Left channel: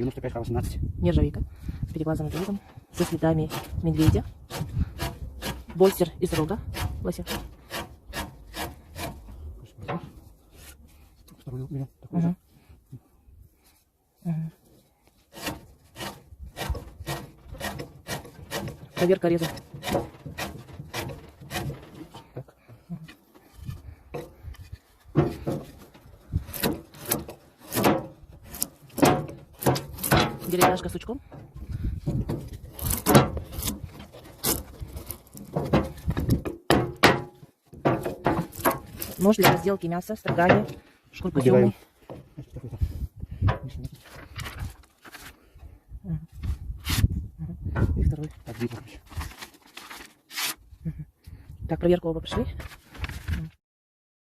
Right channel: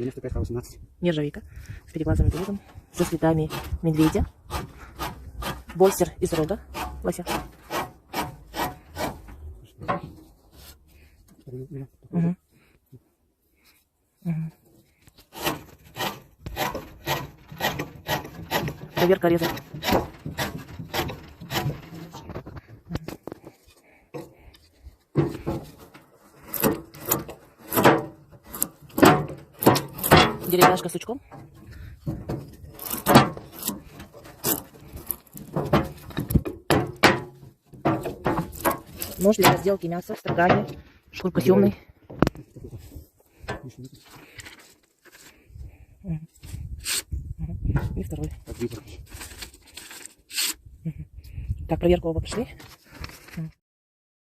95К18. Нержавейка с переглазанным глазом, со следами медведя, больстер из рога, Вася. Угу. Угу. Проверка реза. Деревяшка с сучком. Нож для разделки мяса, строгали, шкурка темный. И второй. Так, проверку оба пошли.